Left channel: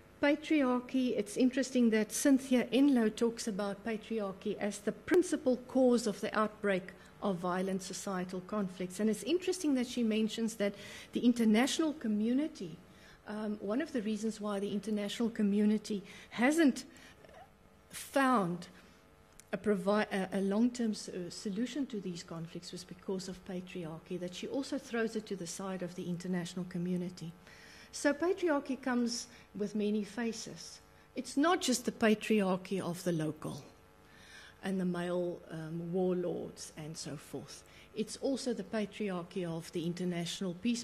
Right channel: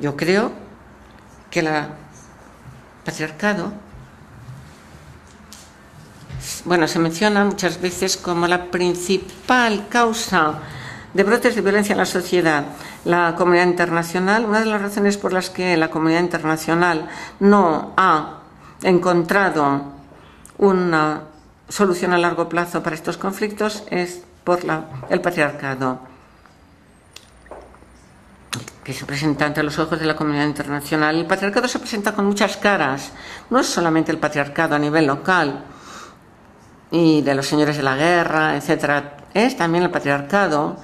Yo creo que el patriarcado, bueno, se menciona muchas veces como la principal causa de brotes de violencia en la sociedad. La comunidad internacional, una de las razones por las que la comunidad internacional no ha encontrado una solución a largo plazo para estos conflictos es por el patriarcado, que se presenta ante los ojos de la comunidad internacional. El patriarcado se presenta con muchas caras. No es solamente el patriarcado a nivel local y de los señores de la guerra, etcétera. Es también el patriarcado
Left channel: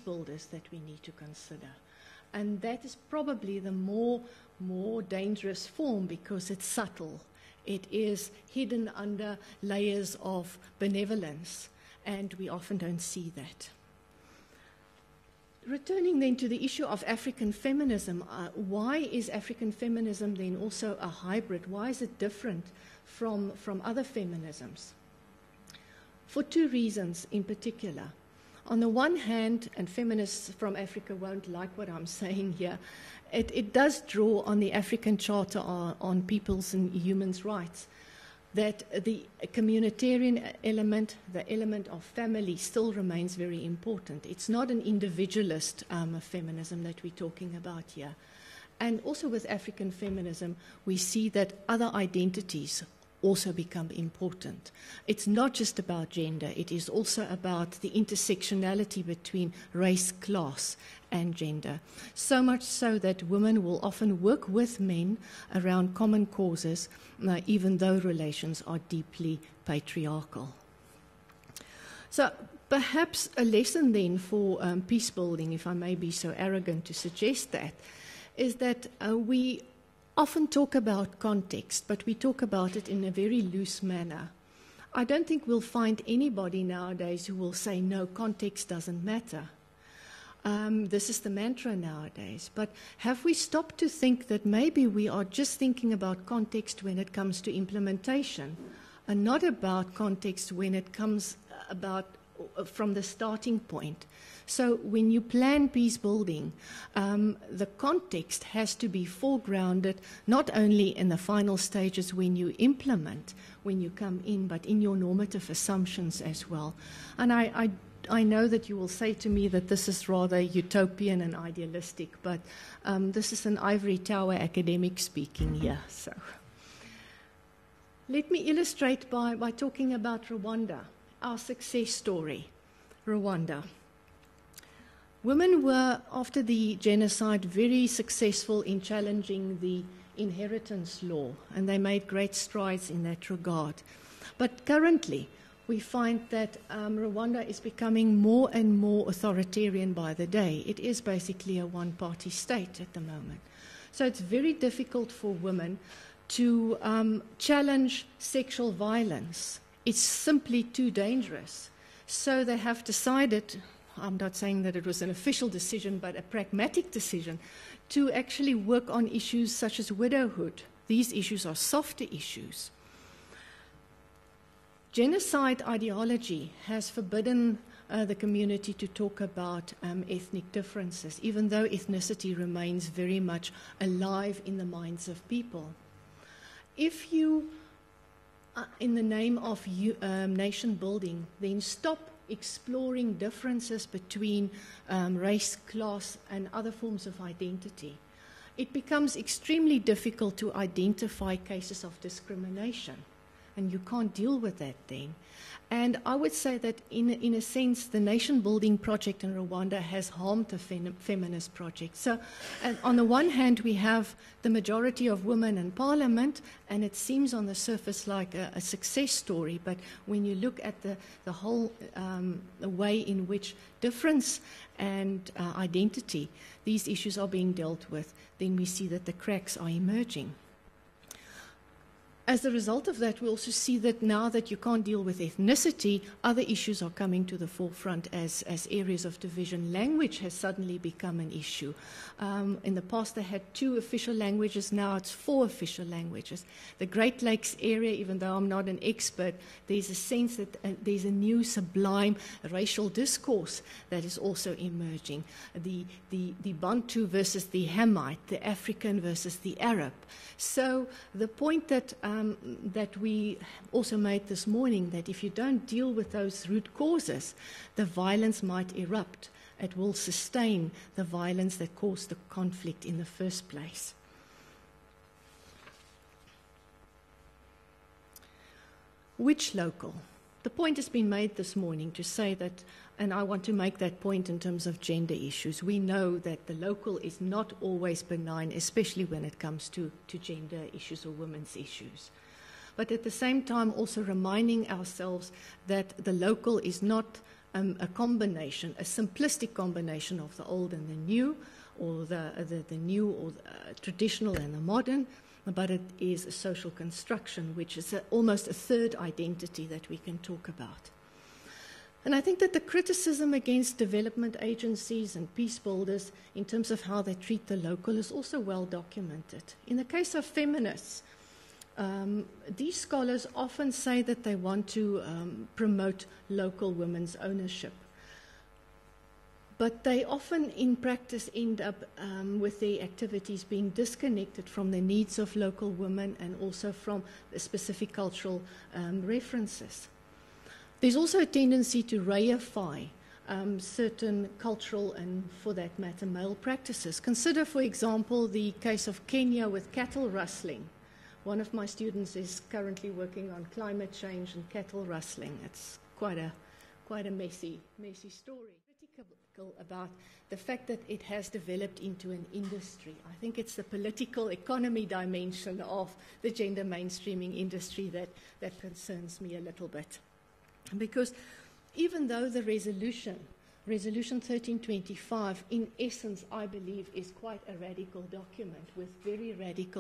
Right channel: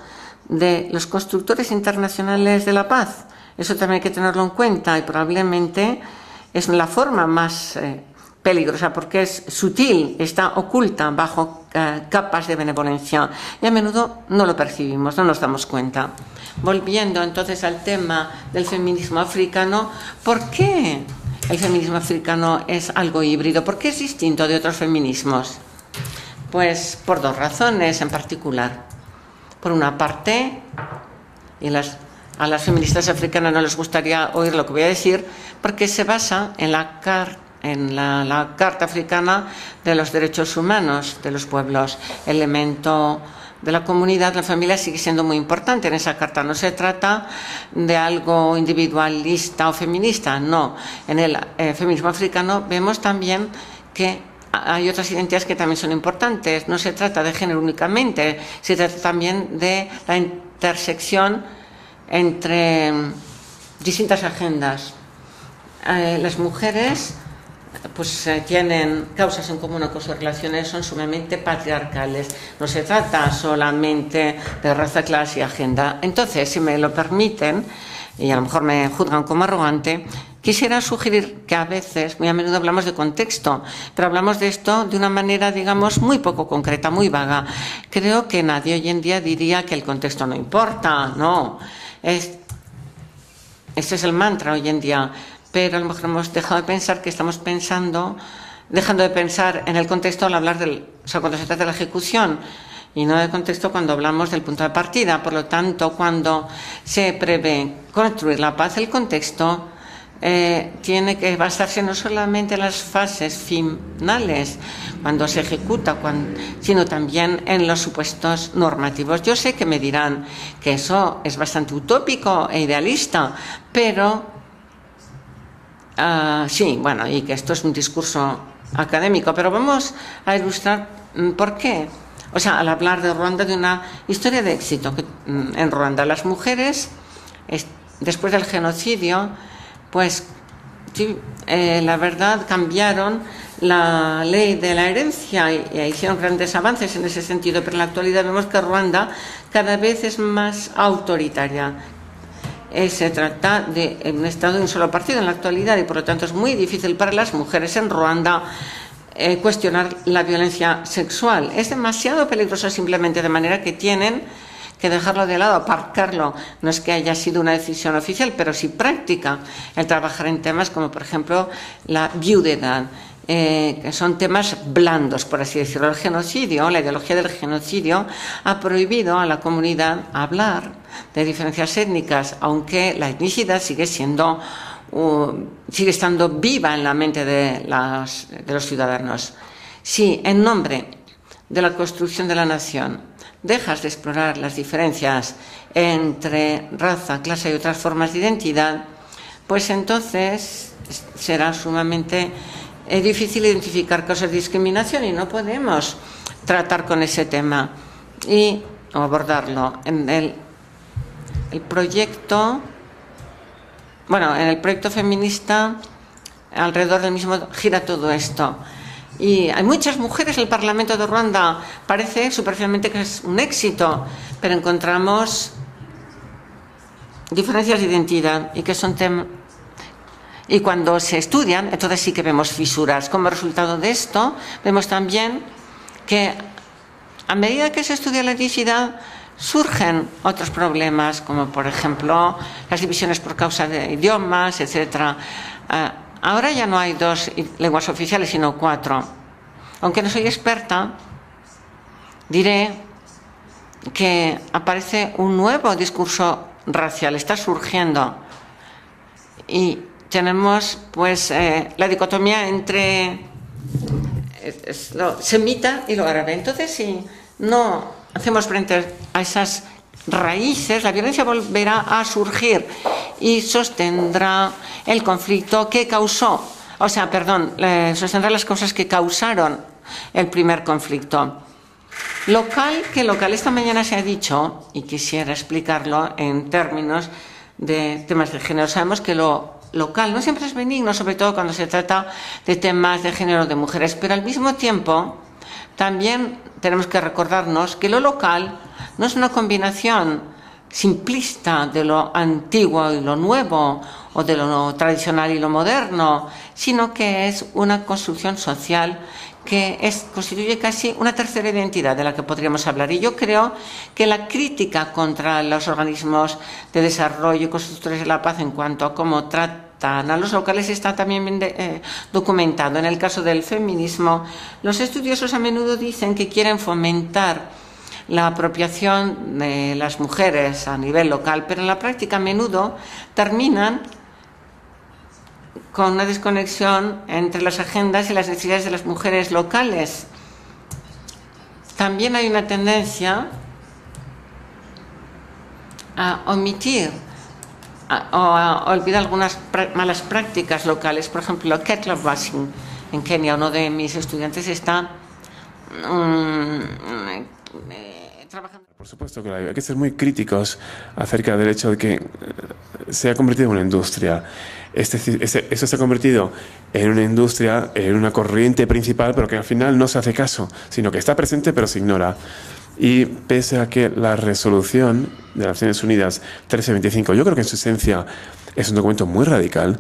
de los constructores internacionales de la paz. Eso también hay que tenerlo en cuenta y probablemente es la forma más peligrosa porque es sutil, está oculta bajo capas de benevolencia y a menudo no lo percibimos, no nos damos cuenta. Volviendo entonces al tema del feminismo africano, ¿por qué el feminismo africano es algo híbrido? ¿Por qué es distinto de otros feminismos? Pues por dos razones en particular. Por una parte, y a las feministas africanas no les gustaría oír lo que voy a decir, porque se basa en la Carta Africana de los Derechos Humanos de los Pueblos. El elemento de la comunidad, la familia, sigue siendo muy importante en esa carta. No se trata de algo individualista o feminista, no. En el feminismo africano vemos también que hay otras identidades que también son importantes. No se trata de género únicamente, se trata también de la intersección entre distintas agendas. Las mujeres pues tienen causas en común con sus relaciones, son sumamente patriarcales. No se trata solamente de raza, clase y agenda. Entonces, si me lo permiten, y a lo mejor me juzgan como arrogante, quisiera sugerir que a veces, muy a menudo hablamos de contexto, pero hablamos de esto de una manera, digamos, muy poco concreta, muy vaga. Creo que nadie hoy en día diría que el contexto no importa, no. Este es el mantra hoy en día, pero a lo mejor hemos dejado de pensar que estamos dejando de pensar en el contexto al hablar cuando se trata de la ejecución y no del contexto cuando hablamos del punto de partida. Por lo tanto, cuando se prevé construir la paz, el contexto tiene que basarse no solamente en las fases finales, cuando se ejecuta, sino también en los supuestos normativos. Yo sé que me dirán que eso es bastante utópico e idealista, pero sí, bueno, y que esto es un discurso académico, pero vamos a ilustrar por qué. O sea, al hablar de Ruanda, de una historia de éxito en Ruanda, las mujeres, después del genocidio, pues sí, la verdad, cambiaron la ley de la herencia y hicieron grandes avances en ese sentido, pero en la actualidad vemos que Ruanda cada vez es más autoritaria. Se trata de un Estado de un solo partido en la actualidad y por lo tanto es muy difícil para las mujeres en Ruanda cuestionar la violencia sexual. Es demasiado peligroso simplemente, de manera que tienen que dejarlo de lado, aparcarlo. No es que haya sido una decisión oficial, pero sí práctica, el trabajar en temas como, por ejemplo, la viudedad. Que son temas blandos, por así decirlo. El genocidio, la ideología del genocidio, ha prohibido a la comunidad hablar de diferencias étnicas, aunque la etnicidad sigue estando viva en la mente de los ciudadanos. Sí, en nombre de la construcción de la nación, dejas de explorar las diferencias entre raza, clase y otras formas de identidad, pues entonces será sumamente difícil identificar causas de discriminación y no podemos tratar con ese tema y abordarlo. En el proyecto, bueno, en el proyecto feminista, alrededor del mismo gira todo esto. Y hay muchas mujeres en el Parlamento de Ruanda. Parece superficialmente que es un éxito, pero encontramos diferencias de identidad y que son temas. Y cuando se estudian, entonces sí que vemos fisuras. Como resultado de esto, vemos también que a medida que se estudia la etnicidad, surgen otros problemas, como por ejemplo las divisiones por causa de idiomas, etcétera. Ahora ya no hay 2 lenguas oficiales, sino 4. Aunque no soy experta, diré que aparece un nuevo discurso racial, está surgiendo. Y tenemos pues la dicotomía entre lo semita y lo árabe. Entonces, si no hacemos frente a esas raíces, la violencia volverá a surgir y sostendrá el conflicto que causó, sostendrá las causas que causaron el primer conflicto. Local, esta mañana se ha dicho, y quisiera explicarlo en términos de temas de género. Sabemos que lo local no siempre es benigno, sobre todo cuando se trata de temas de género de mujeres, pero al mismo tiempo también tenemos que recordarnos que lo local no es una combinación simplista de lo antiguo y lo nuevo, o de lo tradicional y lo moderno, sino que es una construcción social que constituye casi una tercera identidad de la que podríamos hablar. Y yo creo que la crítica contra los organismos de desarrollo y constructores de la paz en cuanto a cómo tratan a los locales está también bien documentado. En el caso del feminismo, los estudiosos a menudo dicen que quieren fomentar la apropiación de las mujeres a nivel local, pero en la práctica a menudo terminan con una desconexión entre las agendas y las necesidades de las mujeres locales. También hay una tendencia a omitir o a olvidar algunas malas prácticas locales. Por ejemplo, kettle brushing en Kenia. Uno de mis estudiantes está trabajando. Por supuesto que hay que ser muy críticos acerca del hecho de que se ha convertido en una industria. Eso se ha convertido en una industria, en una corriente principal, pero que al final no se hace caso, sino que está presente pero se ignora. Y pese a que la resolución de las Naciones Unidas 1325, yo creo que en su esencia es un documento muy radical,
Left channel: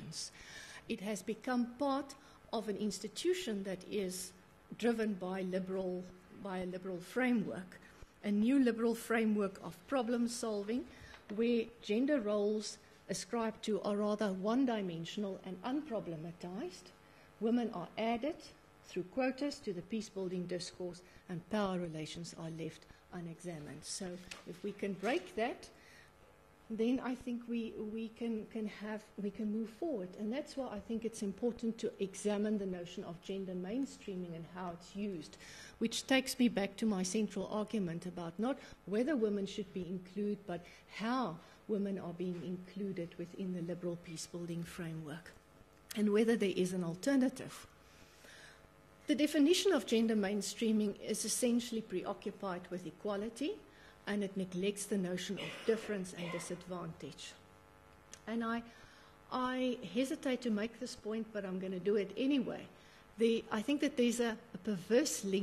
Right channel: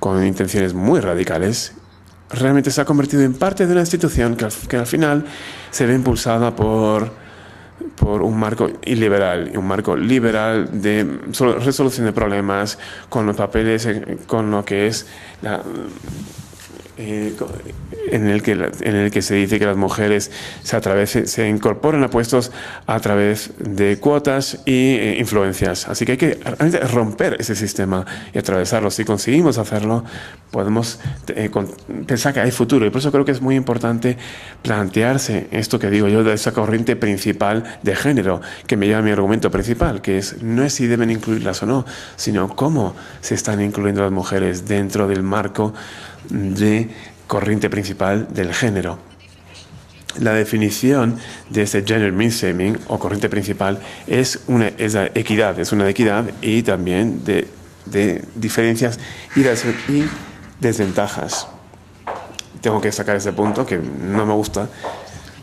con intenciones muy radicales, realmente se ha convertido en parte de una institución que al final se ve impulsada por un marco liberal de resolución de problemas, con los papeles, con lo que es en el que se dice que las mujeres se incorporan a puestos a través de cuotas e influencias. Así que hay que romper ese sistema y atravesarlo. Si conseguimos hacerlo, podemos pensar que hay futuro. Y por eso creo que es muy importante plantearse esto que digo yo de esa corriente principal de género, que me lleva a mi argumento principal, que no es si deben incluirlas o no, sino cómo se están incluyendo las mujeres dentro del marco de corriente principal del género. La definición de este gender mainstreaming o corriente principal es una equidad y también de diferencias y desventajas. Tengo que sacar ese punto que no me gusta,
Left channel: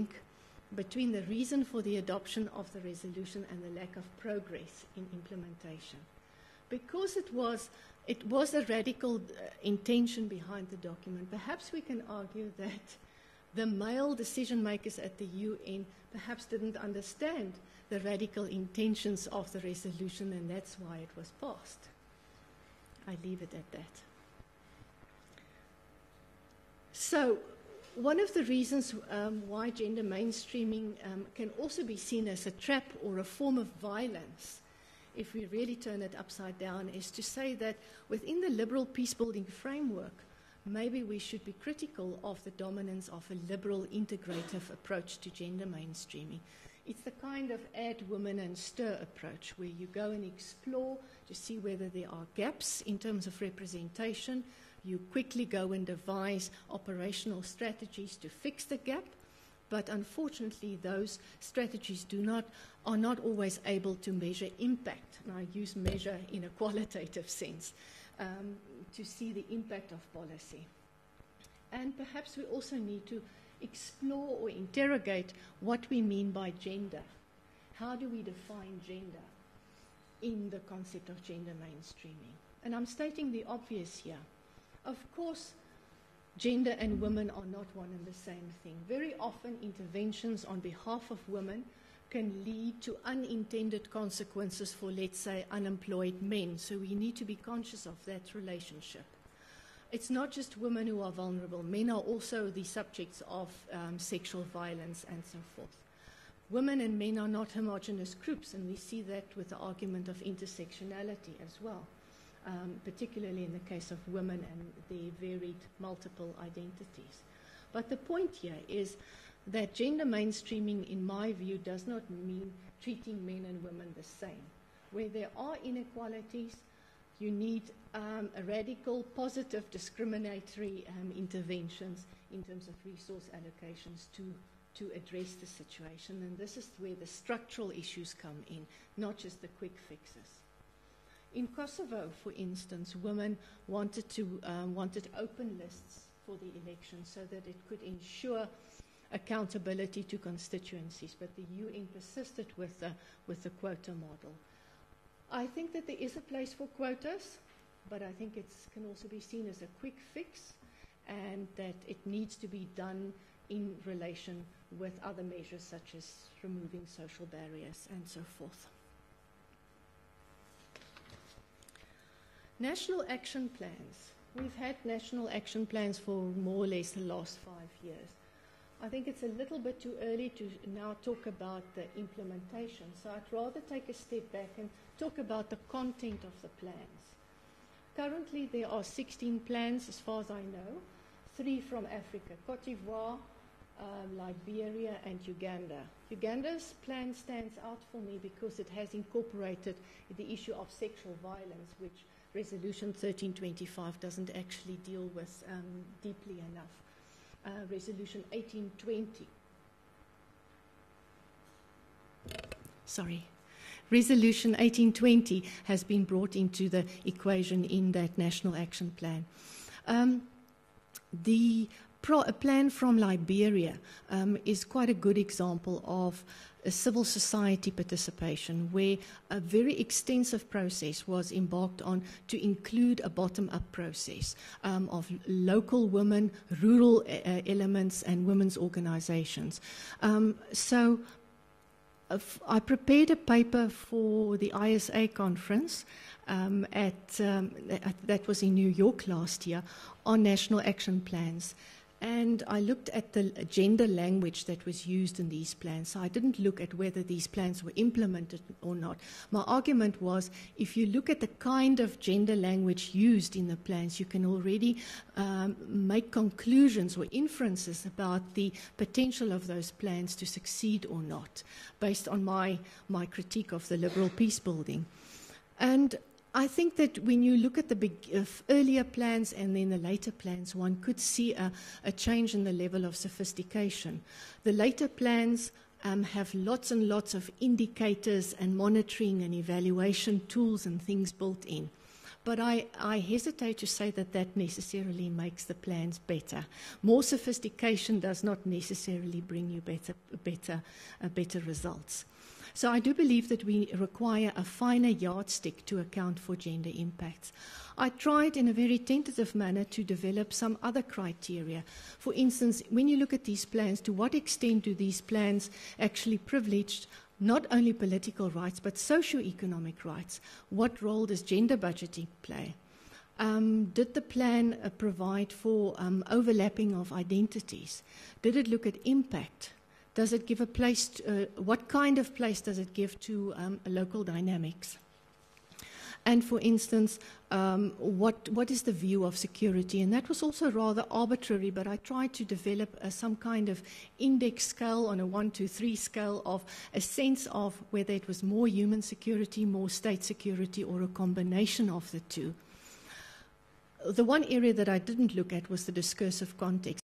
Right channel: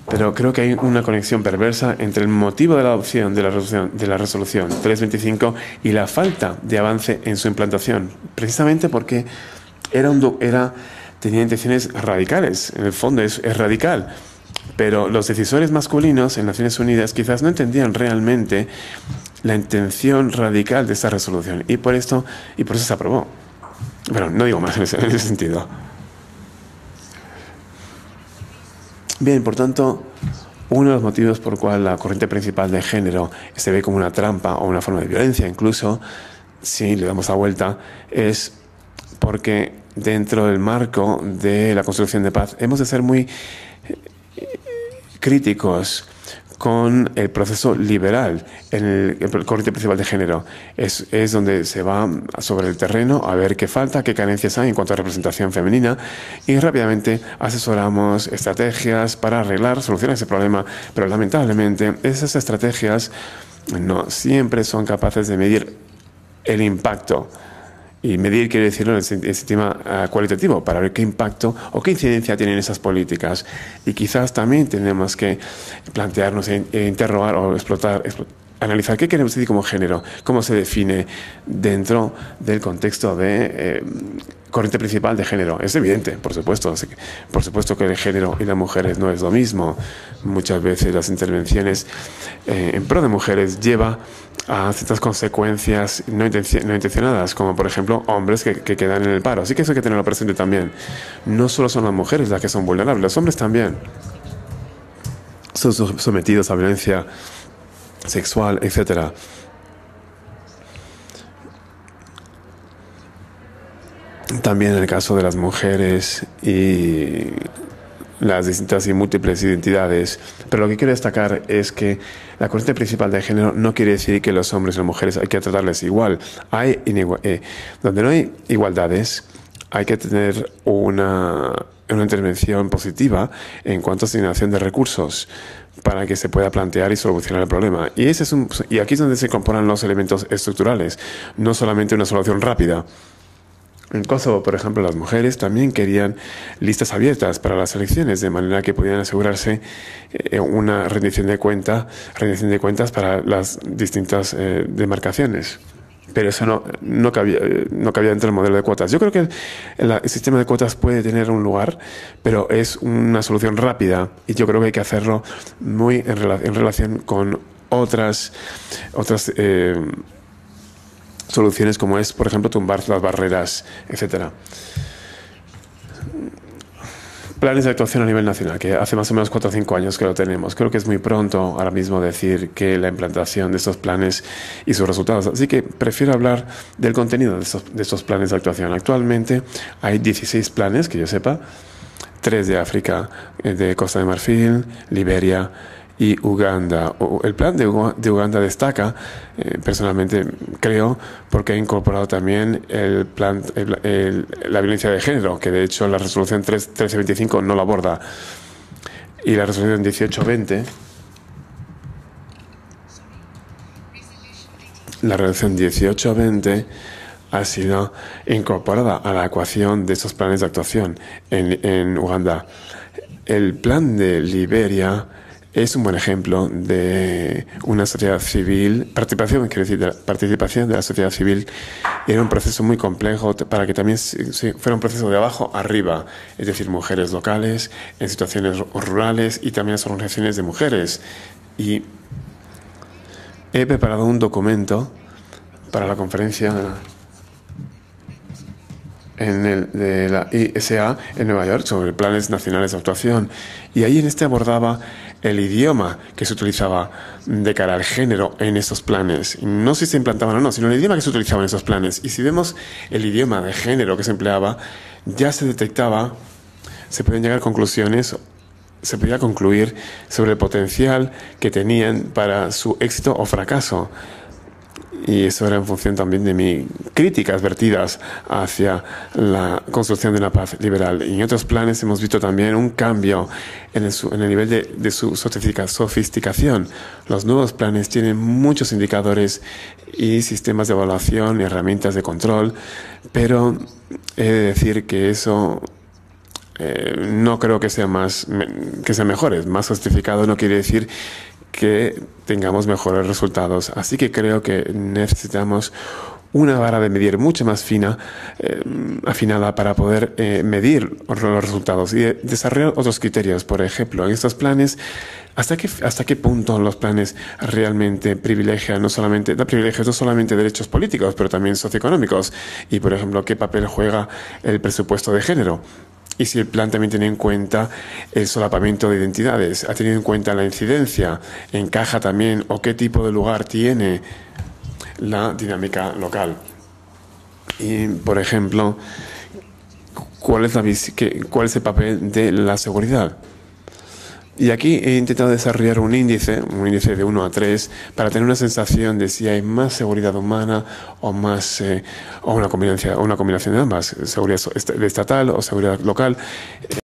pero creo que hay una conexión perversa entre el motivo de la adopción de la resolución 325 y la falta de avance en su implantación, precisamente porque tenía intenciones radicales. En el fondo es radical, pero los decisores masculinos en Naciones Unidas quizás no entendían realmente la intención radical de esta resolución, y por eso se aprobó. Bueno, no digo más en ese sentido. Bien, por tanto, uno de los motivos por el cual la corriente principal de género se ve como una trampa o una forma de violencia, incluso si le damos la vuelta, es porque dentro del marco de la construcción de paz hemos de ser muy críticos con el proceso liberal en el corriente principal de género. Es donde se va sobre el terreno a ver qué falta, qué carencias hay en cuanto a representación femenina, y rápidamente asesoramos estrategias para solucionar ese problema. Pero lamentablemente esas estrategias no siempre son capaces de medir el impacto. Y medir quiere decirlo en el sistema cualitativo, para ver qué impacto o qué incidencia tienen esas políticas. Y quizás también tenemos que plantearnos e interrogar o analizar qué queremos decir como género, cómo se define dentro del contexto de corriente principal de género. Es evidente, por supuesto. Por supuesto que el género y las mujeres no es lo mismo. Muchas veces las intervenciones en pro de mujeres lleva a ciertas consecuencias no intencionadas, como por ejemplo hombres que quedan en el paro. Así que eso hay que tenerlo presente también. No solo son las mujeres las que son vulnerables, los hombres también son sometidos a violencia sexual, etcétera. También en el caso de las mujeres y las distintas y múltiples identidades. Pero lo que quiero destacar es que la corriente principal de género no quiere decir que los hombres y las mujeres hay que tratarles igual. Donde no hay igualdades, hay que tener una intervención positiva en cuanto a asignación de recursos para que se pueda plantear y solucionar el problema. Y aquí es donde se incorporan los elementos estructurales, no solamente una solución rápida. En Kosovo, por ejemplo, las mujeres también querían listas abiertas para las elecciones, de manera que pudieran asegurarse una rendición de cuentas para las distintas demarcaciones. Pero eso no cabía dentro del modelo de cuotas. Yo creo que el sistema de cuotas puede tener un lugar, pero es una solución rápida y yo creo que hay que hacerlo muy en relación con otras soluciones, como es, por ejemplo, tumbar las barreras, etcétera. Planes de actuación a nivel nacional, que hace más o menos 4 o 5 años que lo tenemos. Creo que es muy pronto ahora mismo decir que la implantación de estos planes y sus resultados. Así que prefiero hablar del contenido de estos planes de actuación. Actualmente hay 16 planes, que yo sepa, 3 de África, de Costa de Marfil, Liberia y Uganda. El plan de Uganda destaca, personalmente creo, porque ha incorporado también la violencia de género, que de hecho la resolución 1325 no lo aborda, y la resolución 1820. La resolución 1820 ha sido incorporada a la ecuación de estos planes de actuación en Uganda. El plan de Liberia es un buen ejemplo de una sociedad civil, participación de la sociedad civil en un proceso muy complejo para que también fuera un proceso de abajo arriba, es decir, mujeres locales en situaciones rurales y también las organizaciones de mujeres. Y he preparado un documento para la conferencia de la ISA en Nueva York sobre planes nacionales de actuación. Y ahí abordaba el idioma que se utilizaba de cara al género en estos planes. No si se implantaban o no, sino el idioma que se utilizaba en esos planes. Y si vemos el idioma de género que se empleaba, ya se detectaba, se podían llegar a conclusiones, se podía concluir sobre el potencial que tenían para su éxito o fracaso. Y eso era en función también de mis críticas vertidas hacia la construcción de una paz liberal. Y en otros planes hemos visto también un cambio en el nivel de su sofisticación. Los nuevos planes tienen muchos indicadores y sistemas de evaluación y herramientas de control, pero he de decir que eso no creo que sea mejor. Más justificado no quiere decir que tengamos mejores resultados. Así que creo que necesitamos una vara de medir mucho más fina, afinada para poder medir los resultados y desarrollar otros criterios. Por ejemplo, en estos planes, ¿hasta qué punto los planes realmente privilegian no solamente derechos políticos, pero también socioeconómicos? Y, por ejemplo, ¿qué papel juega el presupuesto de género? Y si el plan también tiene en cuenta el solapamiento de identidades, ha tenido en cuenta la incidencia, encaja también o qué tipo de lugar tiene la dinámica local. Y, por ejemplo, ¿cuál es el papel de la seguridad? Y aquí he intentado desarrollar un índice de 1 a 3, para tener una sensación de si hay más seguridad humana o una combinación de ambas, seguridad estatal o seguridad local.